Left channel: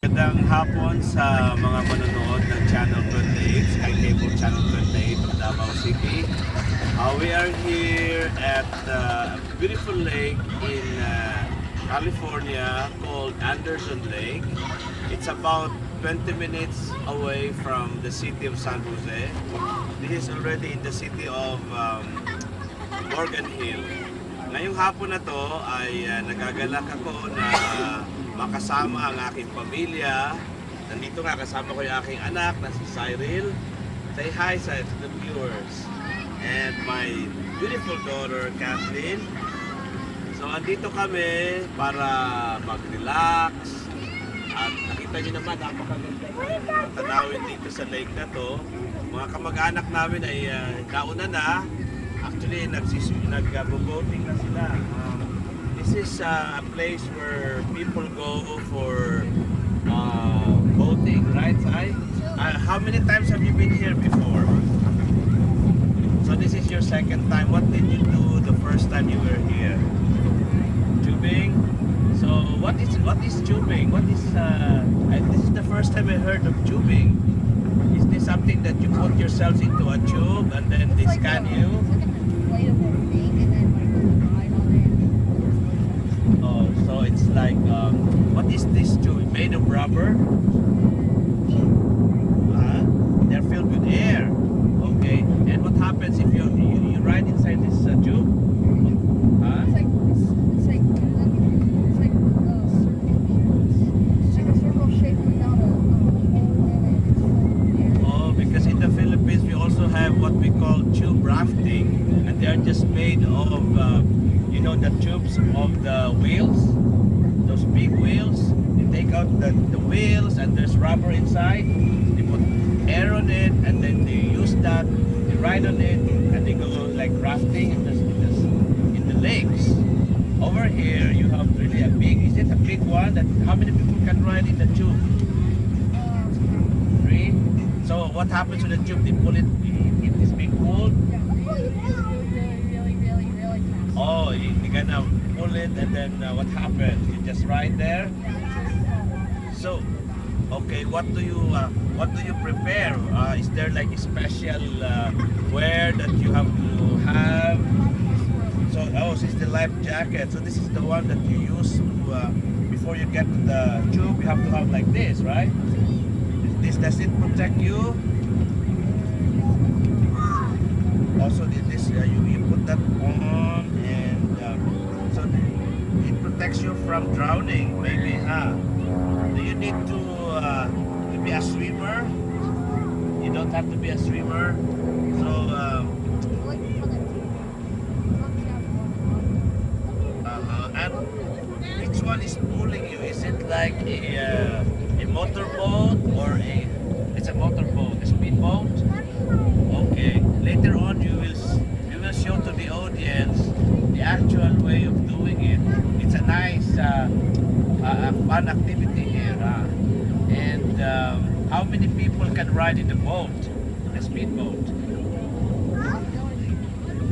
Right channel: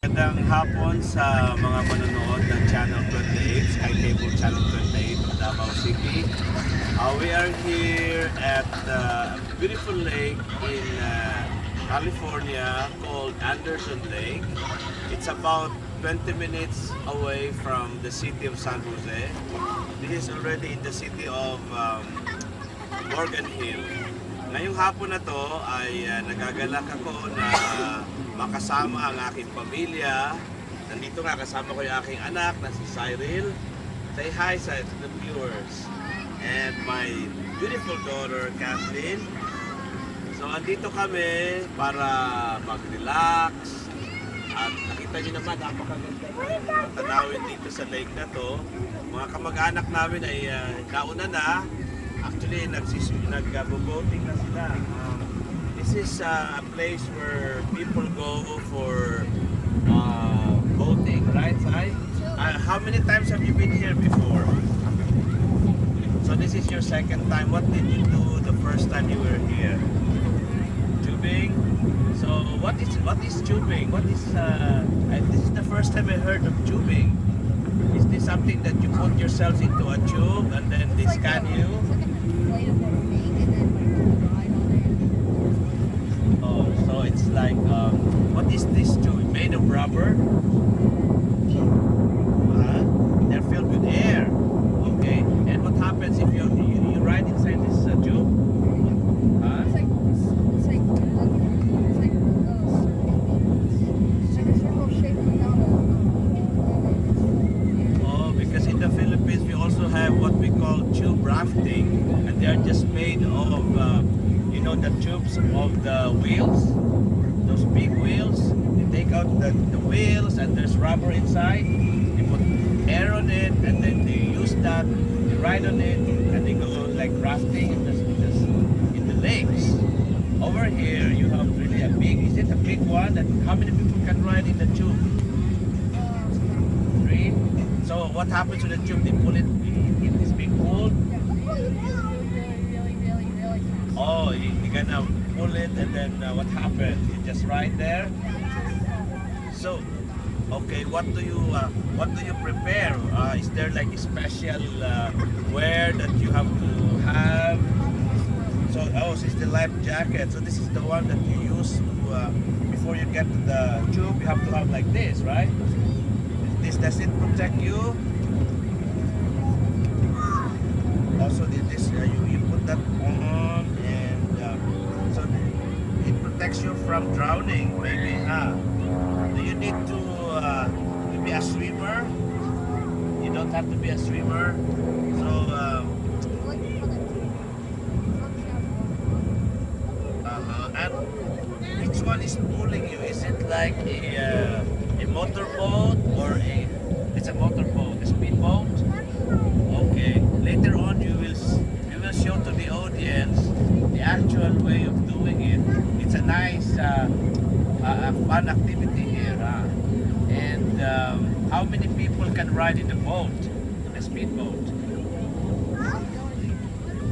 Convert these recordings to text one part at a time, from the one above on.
Magandang hapon sa mga manonood ng Channel 28, Sky Cable Channel 28 of Davao City. We are here at a beautiful lake in California called Anderson Lake. It's about 20 minutes away from the city of San Jose. This is already in the city of Morgan Hill. Ngayong hapon na to ay nagagalak ako na makasama ang aking pamilya. Nandito nga kasama ko yung aking anak na si Cyril. Say hi sa the viewers. And my beautiful daughter Kathleen. So andito kami para mag-relax. At nakita niyo naman napakaganda ng tanawin dito sa lake na to. Mga kamag-anak namin ay nauna na. Actually, nag-boating na sila. This is a place where people go for boating, right, Sai? How many times have you been here before? So this is your second time. What did you do the first time you were here? Tubing? So what is tubing? This is the first time I heard of tubing. Is this something that you put yourselves into a tube and then they scan you? Inflatable thing and then ride on it. Oh, so it's like, what is this tube? Made of rubber? They're filled with air. Okay, and what happens if you ride inside this tube? It's like a circle shape without a hole in it. It's full of air. Oh, because in the Philippines we also have what we call tube rafting, and they are just made of, the tubes of the wheels, those big wheels. They take out the wheels, and there's rubber inside. They put air on it, and then they use that. They ride on it, and they go like rafting in the lakes. Over here, you have really a big. Is it a big one? How many people can ride in the tube? 3. So what happens to the tube? They pull it in this big pool. Really fast. Oh, you're gonna pull it, and then what happens? You just ride there. So, okay, what do you prepare? Is there like a special wear that you have to have? So, this is the life jacket. So this is the one that you use to, before you get to the tube. You have to have like this, right? Does it protect you? Also, you put that on, and so it protects you from drowning, maybe. Do you need to be a swimmer? You don't have to be a swimmer. So, and which one is pulling you? Is it like a motorboat or it's a motorboat, a speedboat? Okay. Later on, you will show to the audience the actual way of doing it. It's a nice, fun activity here. And how many people can ride in the boat, the speedboat?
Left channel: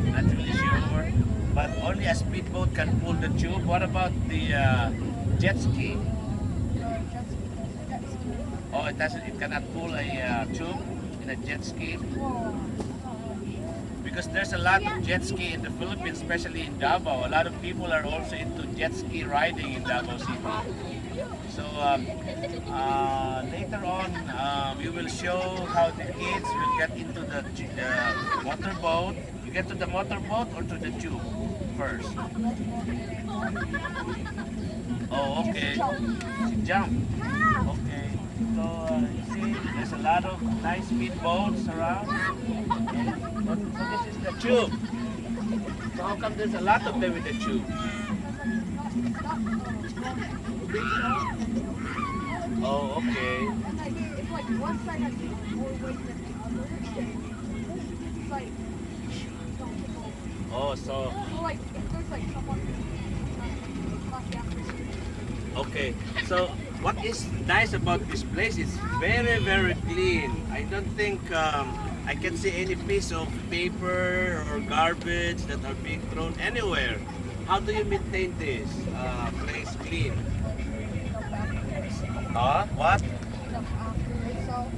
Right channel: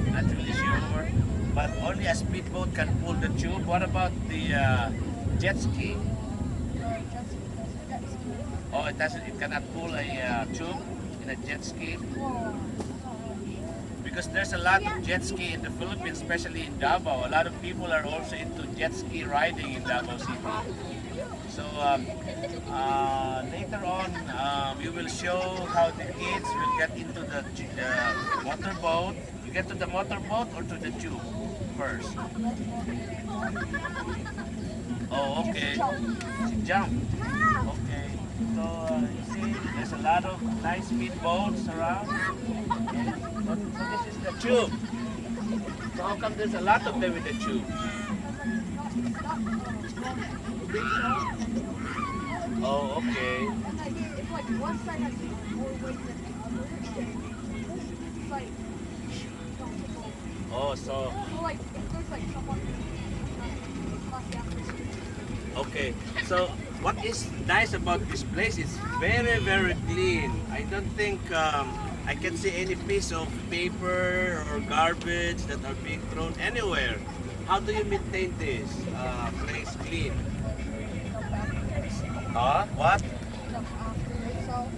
Not really sure, but only a speedboat can pull the tube. What about the jet ski? Oh, it doesn't. It cannot pull a tube in a jet ski. Because there's a lot of jet ski in the Philippines, especially in Davao. A lot of people are also into jet ski riding in Davao City. So later on, we will show how the kids will get into the motorboat. You get to the motorboat or to the tube first? Oh, okay. Jump. Okay. So you see, there's a lot of nice speedboats around. So this is the tube. So how come there's a lot of them in the tube? Oh, okay. It's like one side has more weight than the other. It's like Oh, so like if there's like someone okay. So what is nice about this place is very, very clean. I don't think I can see any piece of paper or garbage that are being thrown anywhere. How do you maintain this place clean? Huh? What? Look after yourself.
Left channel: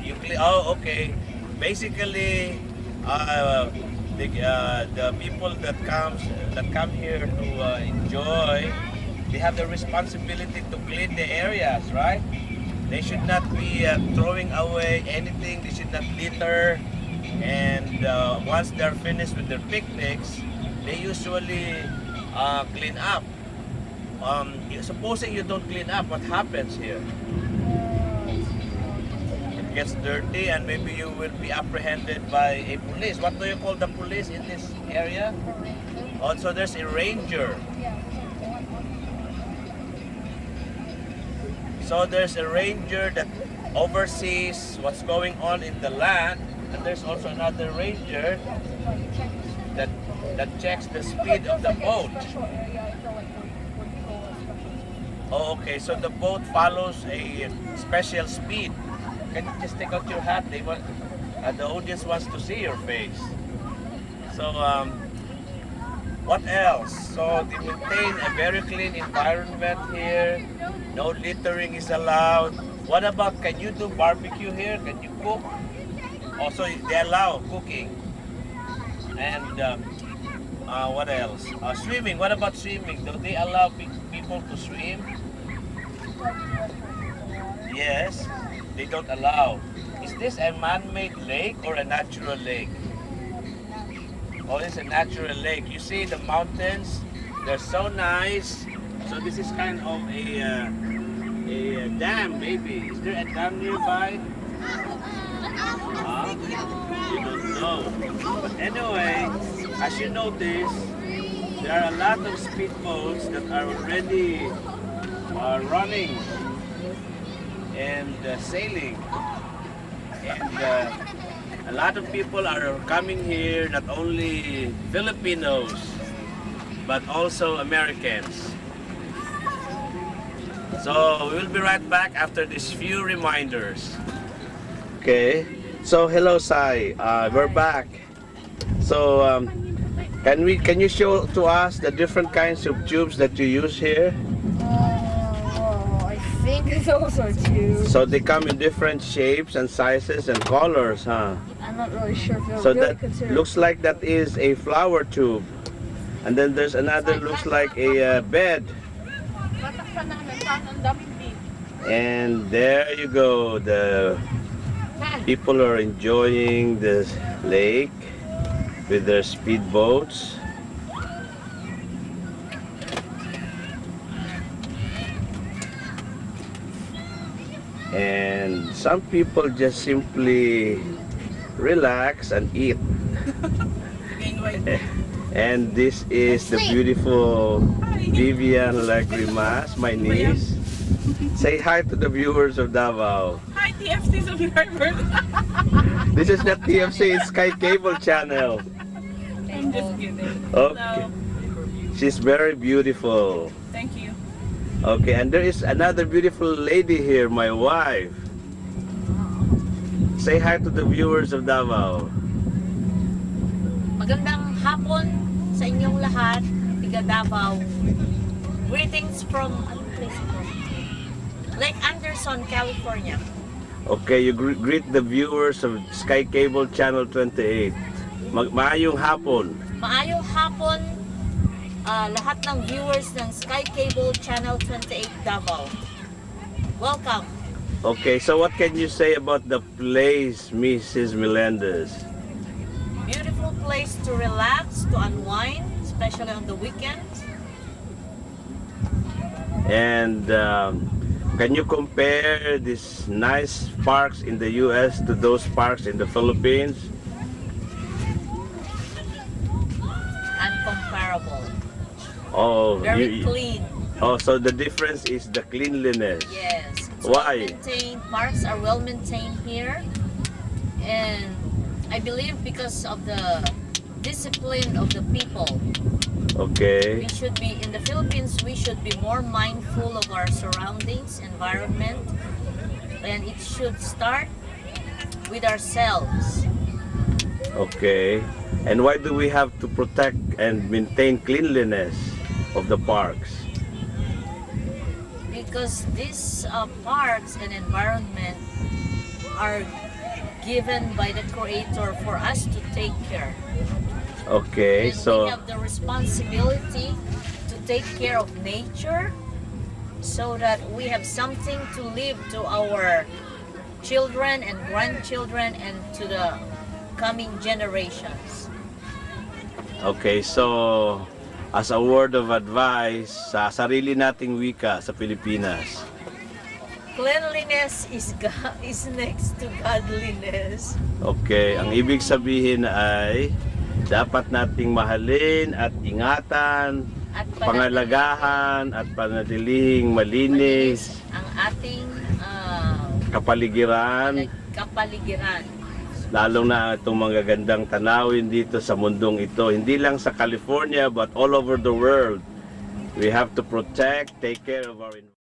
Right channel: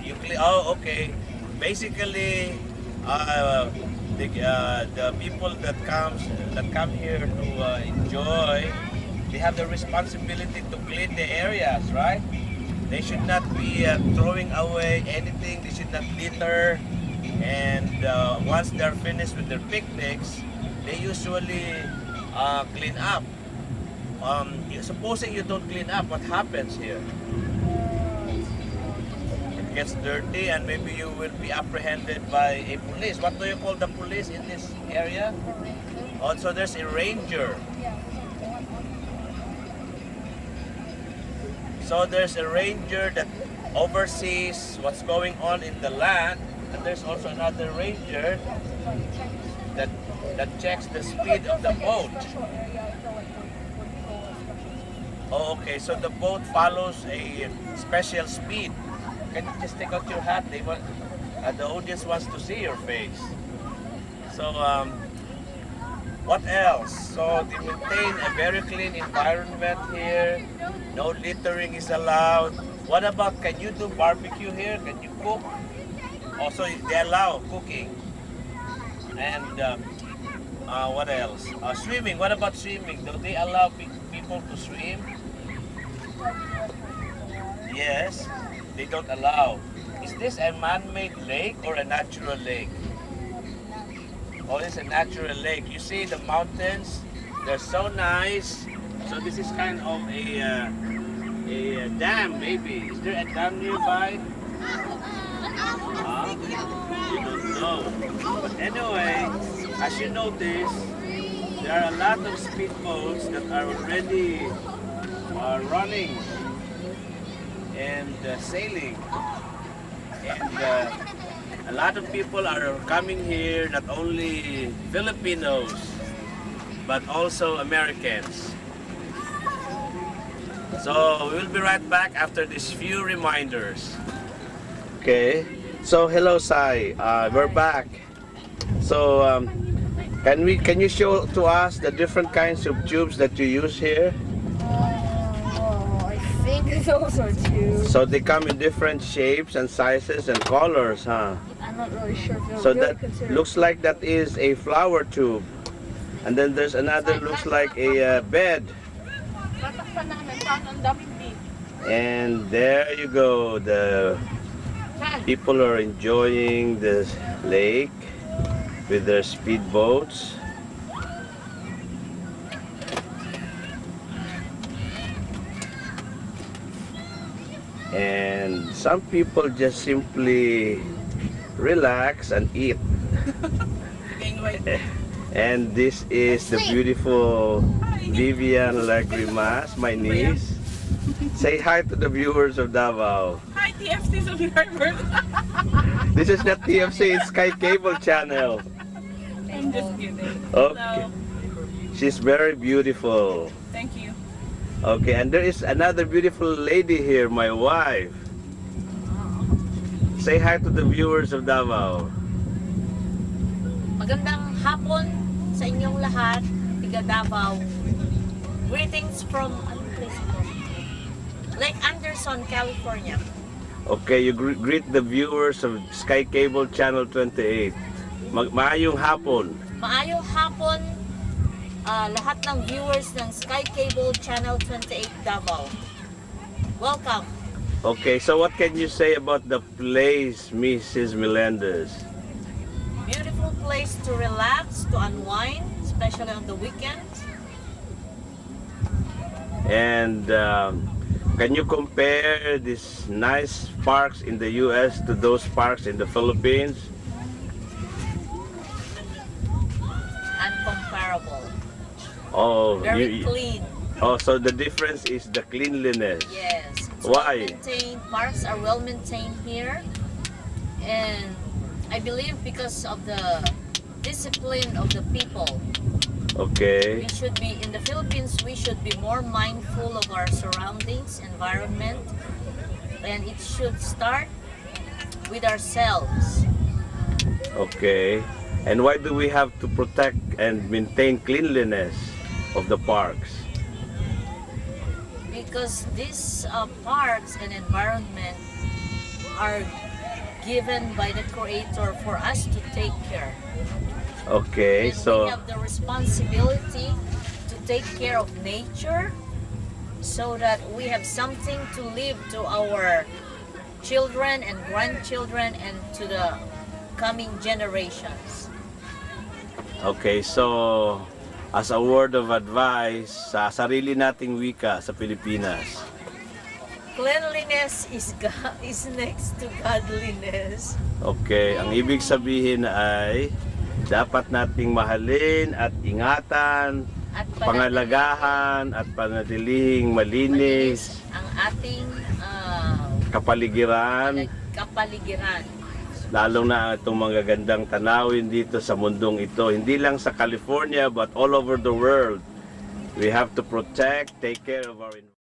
You clean? Oh, okay. Basically, the people that come here to enjoy, they have the responsibility to clean the areas, right? They should not be throwing away anything. They should not litter. And once they're finished with their picnics, they usually clean up. Supposing you don't clean up, what happens here? It gets dirty, and maybe you will be apprehended by a police. What do you call the police in this area? Also, there's a ranger. So there's a ranger that oversees what's going on in the land, and there's also another ranger that checks the speed of the boat. Oh, okay. So the boat follows a special speed. Can you just take out your hat? The audience wants to see your face. So what else? So they maintain a very clean environment here. No littering is allowed. What about, can you do barbecue here? Can you cook? Also, they allow cooking. And what else? Swimming. What about swimming? Do they allow people to swim? Yes, they don't allow. Is this a man-made lake or a natural lake? Oh, it's a natural lake. You see the mountains? They're so nice. So this is kind of a dam, maybe. Is there a dam nearby? You don't know. But anyway, as you notice, there are a lot of speedboats that are already running and sailing. And a lot of people are coming here, not only Filipinos, but also Americans. So we will be right back after these few reminders. Okay, so hello Sai, we're back. So can you show to us the different kinds of tubes that you use here? I think those are two. So they come in different shapes and sizes and colors, huh? I'm not really sure if they're So really that considered. looks like that is a flower tube. And then there's another looks like a bed. And there you go, the people are enjoying the lake with their speedboats. And some people just simply relax and eat. And this is the beautiful Vivian Lagrimas, my niece. Say hi to the viewers of Davao. Hi, TFC subscribers. This is not TFC, it's Sky Cable Channel. I'm just kidding. Okay. She's very beautiful. Thank you. Okay, and there is another beautiful lady here, my wife. Say hi to the viewers of Davao. Magandang hapon sa inyong lahat, tiga Davao. Greetings from anong place ito? Lake Anderson, California. Okay, you greet the viewers of Sky Cable Channel 28. Maayong hapon. Maayong hapon lahat ng viewers ng Sky Cable Channel 28 Davao. Welcome. Okay, so what can you say about the place, Mrs. Melendez? Beautiful place to relax, to unwind, especially on the weekends. And can you compare these nice parks in the US to those parks in the Philippines? Uncomparable. Oh, Very clean. Oh, so the difference is the cleanliness. Yes. It's Why? well maintained. Parks are well maintained here. And I believe because of the discipline of the people. Okay. We should be, in the Philippines, we should be more mindful of our surroundings, environment, and it should start with ourselves. Okay. And why do we have to protect and maintain cleanliness of the parks? because these parks and environment are given by the Creator for us to take care. Okay, And so we have the responsibility to take care of nature so that we have something to leave to our children and grandchildren and to the coming generations. okay, so as a word of advice sa sarili nating wika sa Pilipinas. Cleanliness is next to godliness. Okay, ang ibig sabihin ay dapat nating mahalin at ingatan, At pangalagahan at panatiling malinis, ang ating kapaligiran, kapaligiran. lalo na itong mga gandang tanawin dito sa mundong ito. Hindi lang sa California but all over the world. We have to protect, take care of our environment.